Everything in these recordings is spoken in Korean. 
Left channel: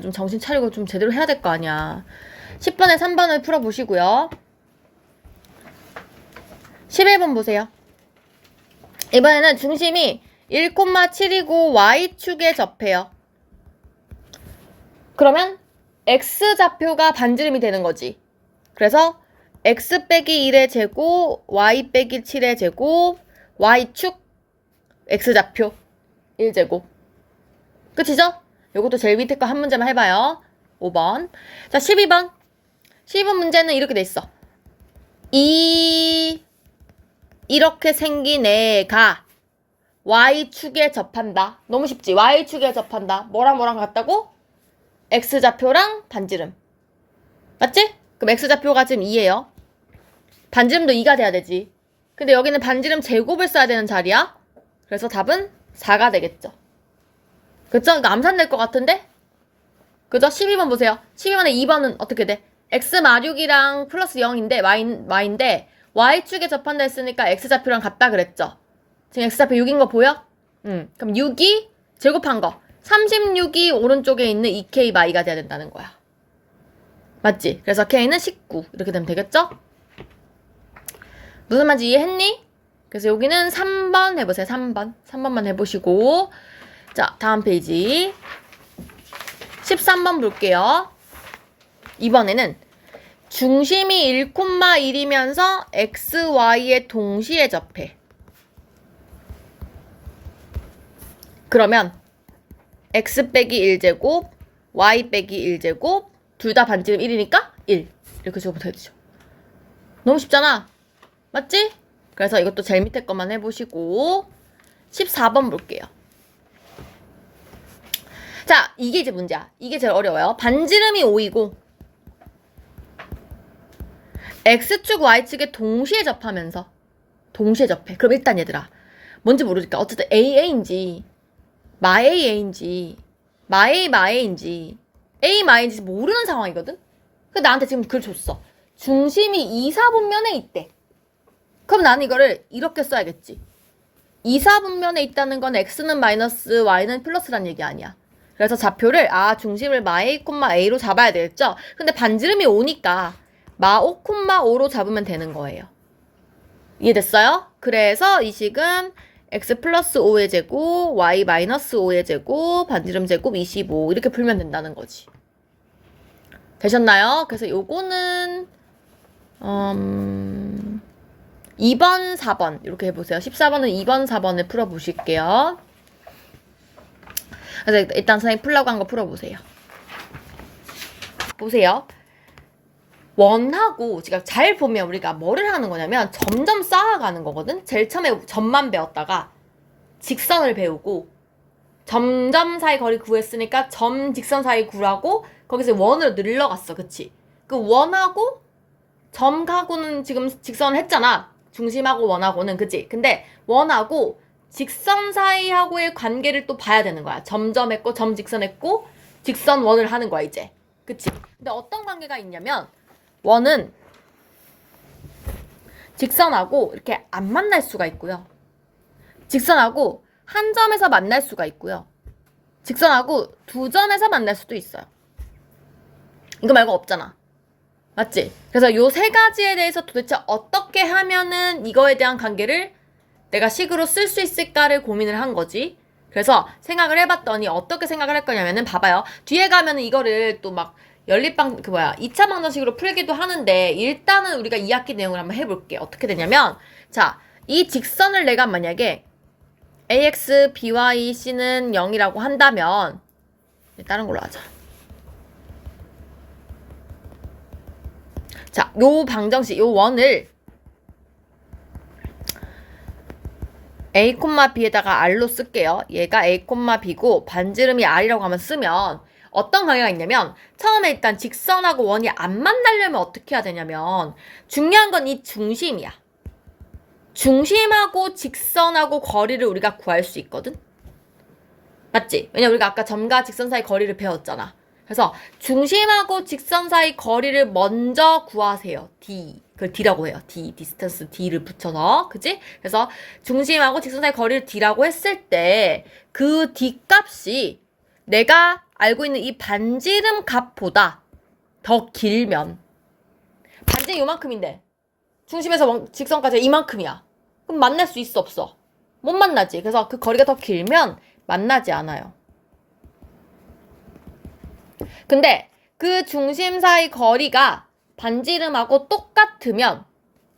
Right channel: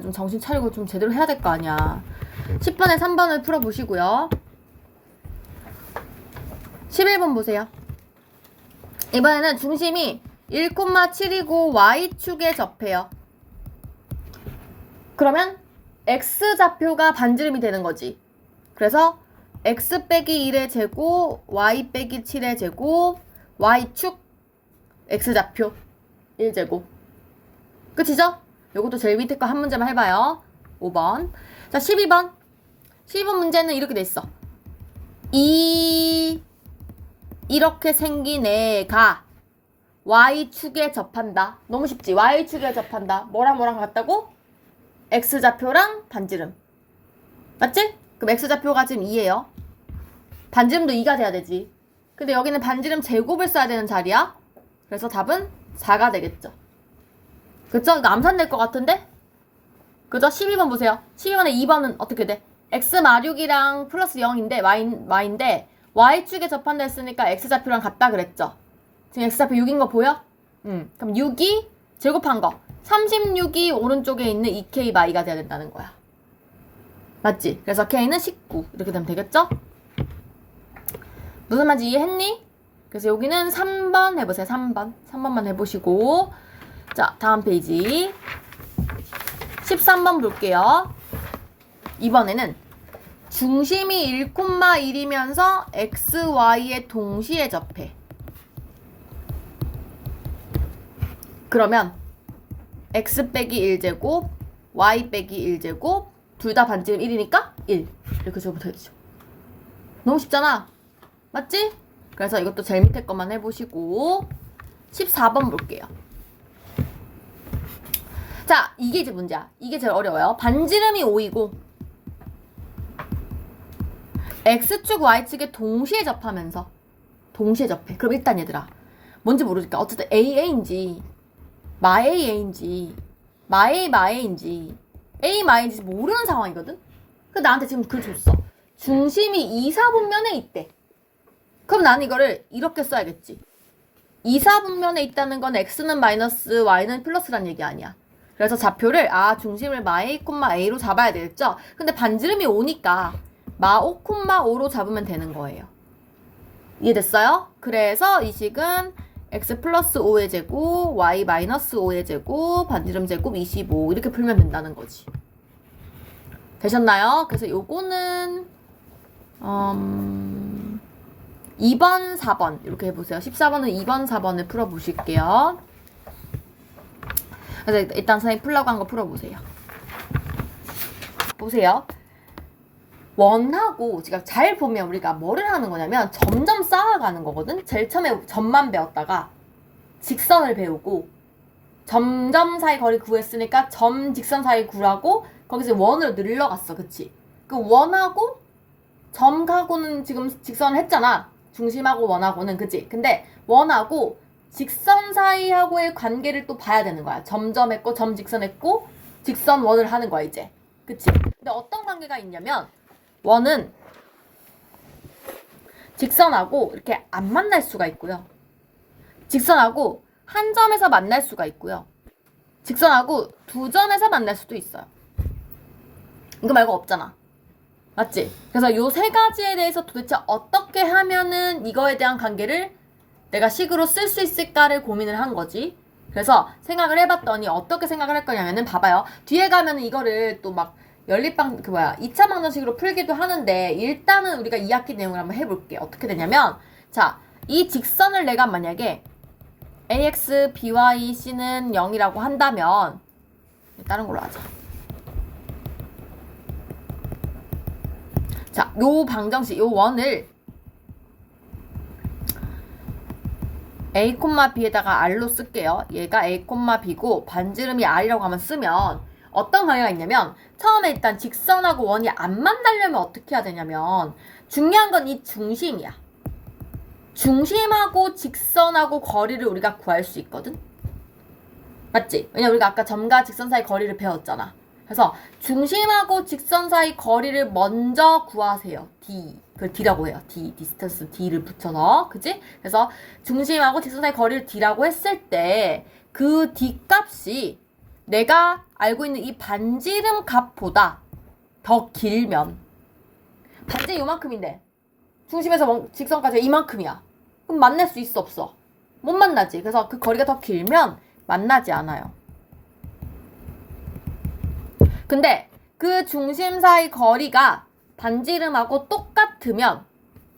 좀 정신 차리고 좀 제대로 해야 될 거 아니야. 10번에 3번을 풀어보시고요. 11번 보세요. 이번에는 중심이 1,7이고 y축에 접해요. 그러면 x좌표가 반지름이 되는 거지. 그래서 x 빼기 1의 제곱, y 빼기 7의 제곱, y축, x좌표 1제곱. 끝이죠? 요것도 제일 밑에 거 한 문제만 해봐요. 5번. 자, 12번. 12번 문제는 이렇게 돼 있어. 이렇게 생긴 애가 y축에 접한다. 너무 쉽지? y축에 접한다. 뭐랑 같다고? x좌표랑 반지름. 맞지? 그럼 x좌표가 지금 2예요. 반지름도 2가 돼야 되지. 근데 여기는 반지름 제곱을 써야 되는 자리야. 그래서 답은 4가 되겠죠. 그쵸? 이거 암산될 것 같은데? 그죠? 12번 보세요. 12번에 2번은 어떻게 돼? x 마륙이랑 플러스 0인데 y인데 y축에 접한다 했으니까 x좌표랑 같다 그랬죠? 지금 x좌표 6인 거 보여? 그럼 6이 제곱한 거 36이 오른쪽에 있는 2k y가 돼야 된다는 거야. 맞지? 그래서 k는 19 이렇게 되면 되겠죠? 무슨 말인지 이해했니? 그래서 여기는 3번 해보세요. 3번만 해보시고 자, 다음 페이지 13번 볼게요. 이번에는 중심이 1,1이면서 x, y에 동시에 접해. 그러면 x 빼기 1제곱, y 빼기 1제곱 둘 다 반지름 1이니까 1 이렇게 적으면 되죠. 너무 쉽잖아. 맞지? 그래서 이것도 제일 밑에 것만 해보시고 14번 볼게요. 자, 이게 이제 문제야. 이게 제일 어려워요. 반지름이 5이고 x축, y축에 동시에 접하면서 동시에 접해. 그럼 일단 얘들아 뭔지 모르니까 어쨌든 AA인지 마AA인지 마A마A인지 A마A인지 모르는 상황이거든? 근데 나한테 지금 글 줬어. 중심이 2, 4분면에 있대. 그럼 나는 이거를 이렇게 써야겠지. 2, 4분면에 있다는 건 x는 마이너스 y는 플러스란 얘기 아니야. 그래서 좌표를 중심을 마 a, a로 잡아야 되겠죠? 근데 반지름이 5니까 마 5, 5로 잡으면 되는 거예요. 이해됐어요? 그래서 이 식은 x 플러스 5의 제곱, y 마이너스 5의 제곱, 반지름 제곱 25 이렇게 풀면 된다는 거지. 되셨나요? 그래서 요거는 2번, 4번 이렇게 해보세요. 14번은 2번, 4번을 풀어보실게요. 그래서 일단 선생님 풀라고 한 거 풀어보세요. 보세요. 원하고 지금 잘 보면 우리가 뭐를 하는 거냐면 점점 쌓아가는 거거든. 제일 처음에 점만 배웠다가 직선을 배우고 점점 사이 거리 구했으니까 점 직선 사이 구라고 거기서 원으로 늘려갔어. 그치? 그 원하고 점하고는 지금 직선을 했잖아. 중심하고 원하고는. 그치? 근데 원하고 직선 사이하고의 관계를 또 봐야 되는 거야. 점점 했고 점 직선 했고 직선 원을 하는 거야 이제. 그치? 근데 어떤 관계가 있냐면 원은 직선하고 이렇게 안 만날 수가 있고요. 직선하고 한 점에서 만날 수가 있고요. 직선하고 두 점에서 만날 수도 있어요. 이거 말고 없잖아. 맞지? 그래서 요 세 가지에 대해서 도대체 어떻게 하면은 이거에 대한 관계를 내가 식으로 쓸 수 있을까를 고민을 한 거지. 그래서 생각을 해봤더니 어떻게 생각을 할 거냐면은 봐봐요. 뒤에 가면은 이거를 또 막 연립방 2차 방정식으로 풀기도 하는데 일단은 우리가 2학기 내용을 한번 해볼게. 어떻게 되냐면 자, 이 직선을 내가 만약에 ax, by, c는 0이라고 한다면 다른 걸로 하자. 자, 요 방정식, 요 원을 a, b에다가 r로 쓸게요. 얘가 a, b고 반지름이 r이라고 하면 쓰면 어떤 관계가 있냐면 처음에 일단 직선하고 원이 안 만나려면 어떻게 해야 되냐면 중요한 건 이 중심이야. 중심하고 직선하고 거리를 우리가 구할 수 있거든? 맞지? 왜냐면 우리가 아까 점과 직선 사이 거리를 배웠잖아. 그래서 중심하고 직선 사이 거리를 먼저 구하세요. D. 그걸 D라고 해요. D. 디스턴스 D를 붙여서. 그치? 그래서 중심하고 직선 사이 거리를 D라고 했을 때 그 D 값이 내가 알고 있는 이 반지름 값보다 더 길면 반지름 요만큼인데 중심에서 직선까지 이만큼이야. 그럼 만날 수 있어 없어? 못 만나지. 그래서 그 거리가 더 길면 만나지 않아요. 근데 그 중심 사이 거리가 반지름하고 똑같으면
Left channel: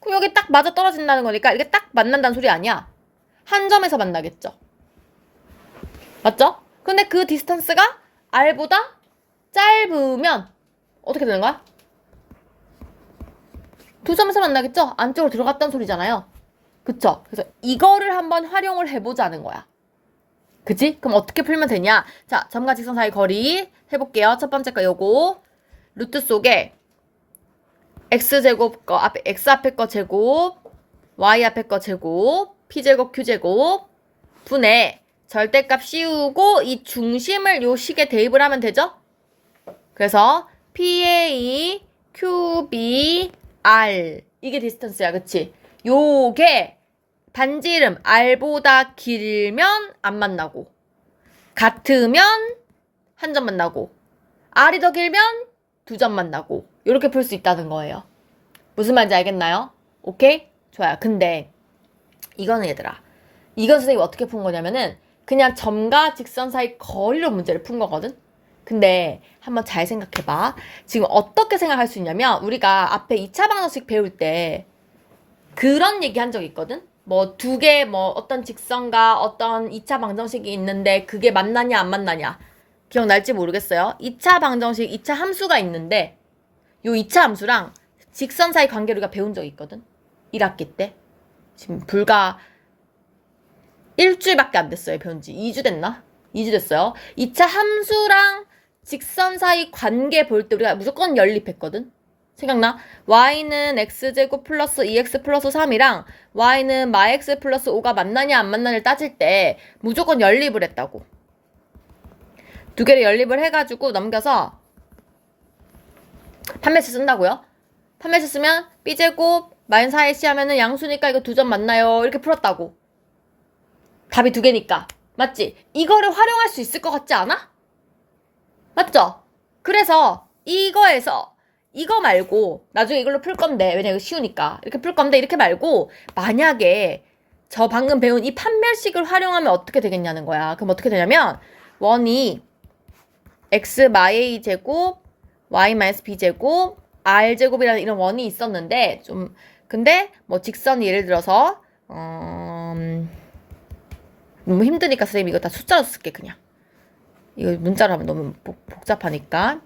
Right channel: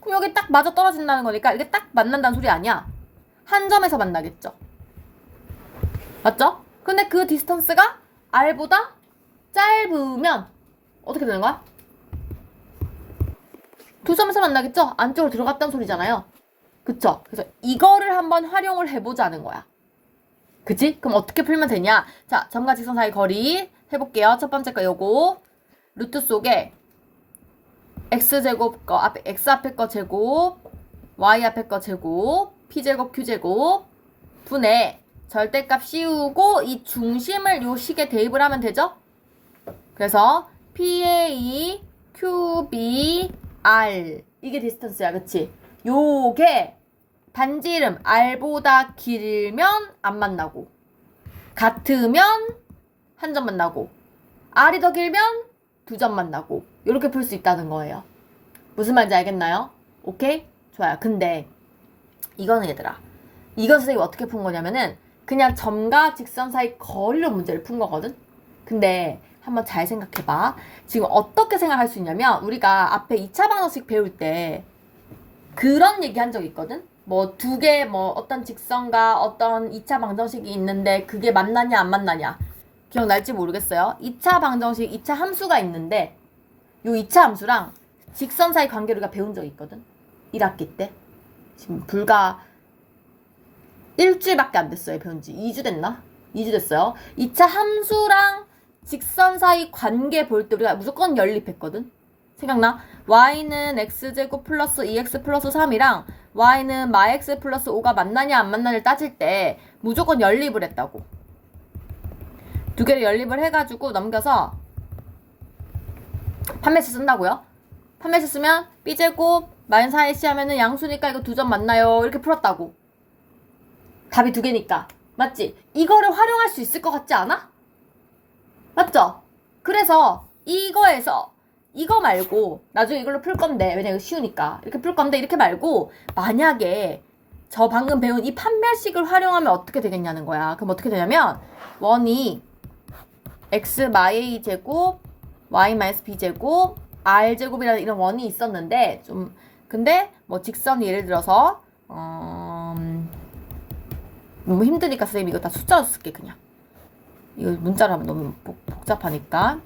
그럼 여기 딱 맞아 떨어진다는 거니까 이게 딱 만난다는 소리 아니야. 한 점에서 만나겠죠. 맞죠? 근데 그 디스턴스가 R보다 짧으면 어떻게 되는 거야? 두 점에서 만나겠죠? 안쪽으로 들어갔다는 소리잖아요. 그쵸? 그래서 이거를 한번 활용을 해보자는 거야. 그치? 그럼 어떻게 풀면 되냐? 자, 점과 직선 사이 거리 해볼게요. 첫 번째 거 요거. 루트 속에 x제곱 거 앞에 x 앞에 거 제곱, y 앞에 거 제곱, p제곱 q제곱 분의 절대값 씌우고 이 중심을 요 식에 대입을 하면 되죠? 그래서 PA, QB, R 이게 디스턴스야. 그치? 요게 반지름 R보다 길면 안 만나고 같으면 한 점 만나고 R이 더 길면 두 점 만나고 이렇게 풀 수 있다는 거예요. 무슨 말인지 알겠나요? 오케이? 좋아요. 근데 이거는 얘들아 이건 선생님이 어떻게 푼 거냐면은 그냥 점과 직선 사이 거리로 문제를 푼 거거든? 근데 한번 잘 생각해봐. 지금 어떻게 생각할 수 있냐면 우리가 앞에 2차 방정식 배울 때 그런 얘기 한 적 있거든? 뭐 두 개 뭐 어떤 직선과 어떤 2차 방정식이 있는데 그게 만나냐 안 만나냐 기억날지 모르겠어요. 2차 방정식 2차 함수가 있는데 요 2차 함수랑 직선 사이 관계를 우리가 배운 적이 있거든? 1학기 때. 지금 불과 일주일밖에 안 됐어요. 배운 지 2주 됐나? 2주 됐어요. 2차 함수랑 직선 사이 관계 볼 때 우리가 무조건 연립했거든? 생각나? y는 x제곱 플러스 2x 플러스 3이랑 y는 마x 플러스 5가 만나냐 안 만나냐를 따질 때 무조건 연립을 했다고. 두 개를 연립을 해가지고 넘겨서 판매식 쓴다고요? 판매식 쓰면 b제곱 마이너스 4ac 하면은 양수니까 이거 두 점 만나요. 이렇게 풀었다고. 답이 두 개니까. 맞지? 이거를 활용할 수 있을 것 같지 않아? 맞죠? 그래서 이거에서 이거 말고 나중에 이걸로 풀 건데 왜냐 이거 쉬우니까 이렇게 풀 건데 이렇게 말고 만약에 저 방금 배운 이 판별식을 활용하면 어떻게 되겠냐는 거야. 그럼 어떻게 되냐면 원이 x 마이 제곱 y 마이너스 b 제곱 r 제곱이라는 이런 원이 있었는데 좀 근데 뭐 직선이 예를 들어서 너무 힘드니까 선생님 이거 다 숫자로 쓸게 그냥. 이거 문자로 하면 너무 복잡하니까.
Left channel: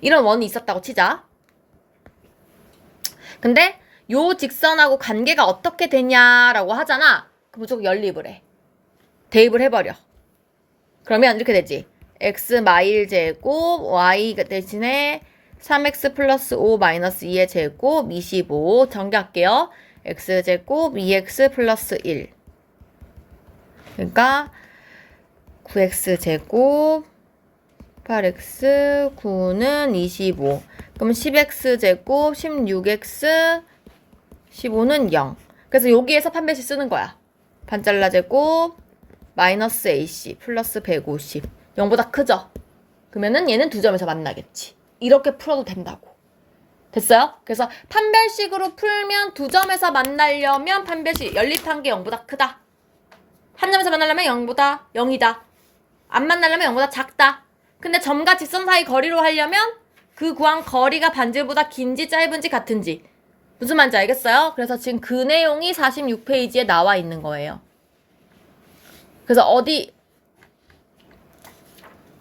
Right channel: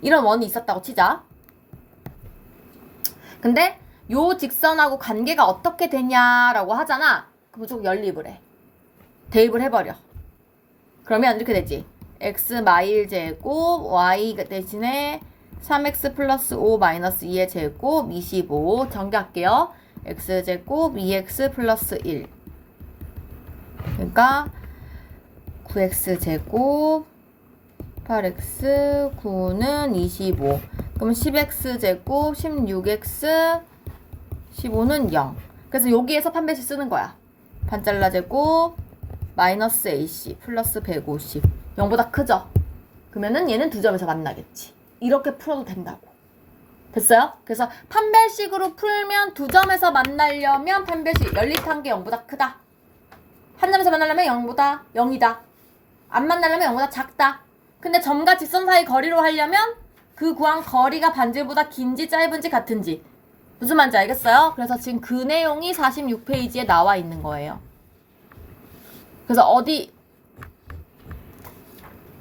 이런 원이 있었다고 치자. 근데 요 직선하고 관계가 어떻게 되냐라고 하잖아. 그럼 무조건 연립을 해. 대입을 해버려. 그러면 이렇게 되지. x 마일 제곱 y 대신에 3x 플러스 5 마이너스 2의 제곱 25 전개할게요. x 제곱 2x 플러스 1 그러니까 9x 제곱 8x 9는 25 그러면 10x 제곱 16x 15는 0 그래서 여기에서 판별식 쓰는 거야. 반잘라 제곱 마이너스 AC 플러스 150 0보다 크죠? 그러면은 얘는 두 점에서 만나겠지. 이렇게 풀어도 된다고. 됐어요? 그래서 판별식으로 풀면 두 점에서 만나려면 판별식 연립한 게 0보다 크다. 한 점에서 만나려면 0보다 0이다. 안 만나려면 0보다 작다. 근데 점과 직선 사이 거리로 하려면 그 구한 거리가 반지름보다 긴지 짧은지 같은지 무슨 말인지 알겠어요? 그래서 지금 그 내용이 46페이지에 나와 있는 거예요. 그래서 어디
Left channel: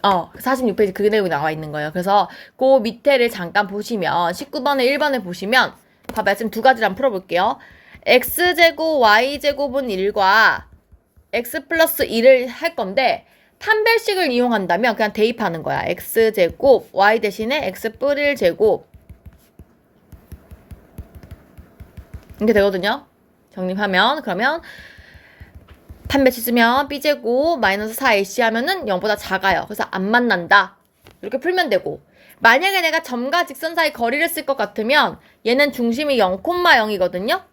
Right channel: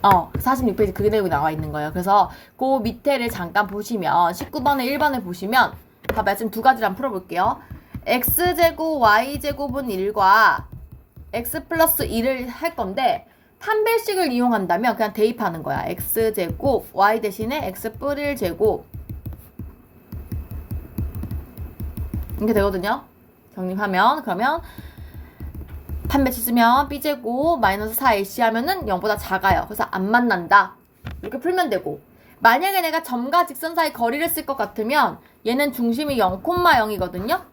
46페이지 그 내용이 나와 있는 거예요. 그래서 그 밑에를 잠깐 보시면 19번에 1번을 보시면 봐봐요. 지금 두 가지를 한번 풀어볼게요. x제곱 y제곱은 1과 x 플러스 1을 할 건데 판별식을 이용한다면 그냥 대입하는 거야. x제곱 y 대신에 x 뿔 1제곱 이렇게 되거든요. 정립하면 그러면 판별식 쓰면 b제곱 마이너스 4ac 하면은 0보다 작아요. 그래서 안 만난다. 이렇게 풀면 되고 만약에 내가 점과 직선 사이 거리를 쓸 것 같으면 얘는 중심이 0,0이거든요.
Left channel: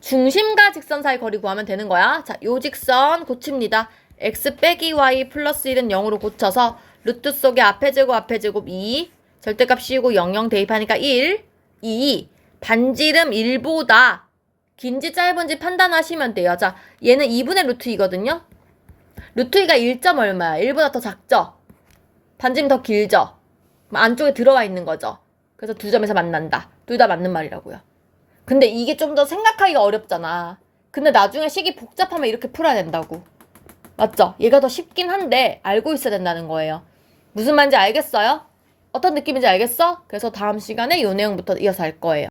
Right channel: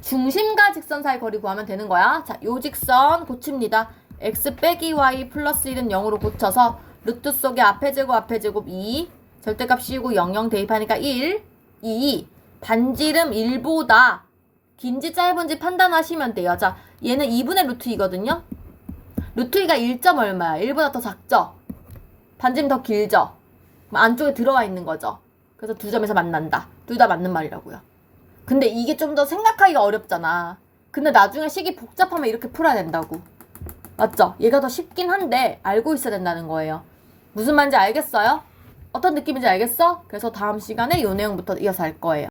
중심과 직선 사이 거리 구하면 되는 거야. 자, 요 직선 고칩니다. x 빼기 y 플러스 1은 0으로 고쳐서 루트 속에 앞에 제곱 2, 절대값 씌우고 00 대입하니까 1, 2, 반지름 1보다 긴지 짧은지 판단하시면 돼요. 자, 얘는 2분의 루트 2거든요. 루트 2가 1점 얼마야? 1보다 더 작죠? 반지름 더 길죠? 안쪽에 들어와 있는 거죠. 그래서 두 점에서 만난다. 둘 다 맞는 말이라고요. 근데 이게 좀 더 생각하기가 어렵잖아. 근데 나중에 식이 복잡하면 이렇게 풀어야 된다고. 맞죠? 얘가 더 쉽긴 한데 알고 있어야 된다는 거예요. 무슨 말인지 알겠어요? 어떤 느낌인지 알겠어? 그래서 다음 시간에 이 내용부터 이어서 할 거예요.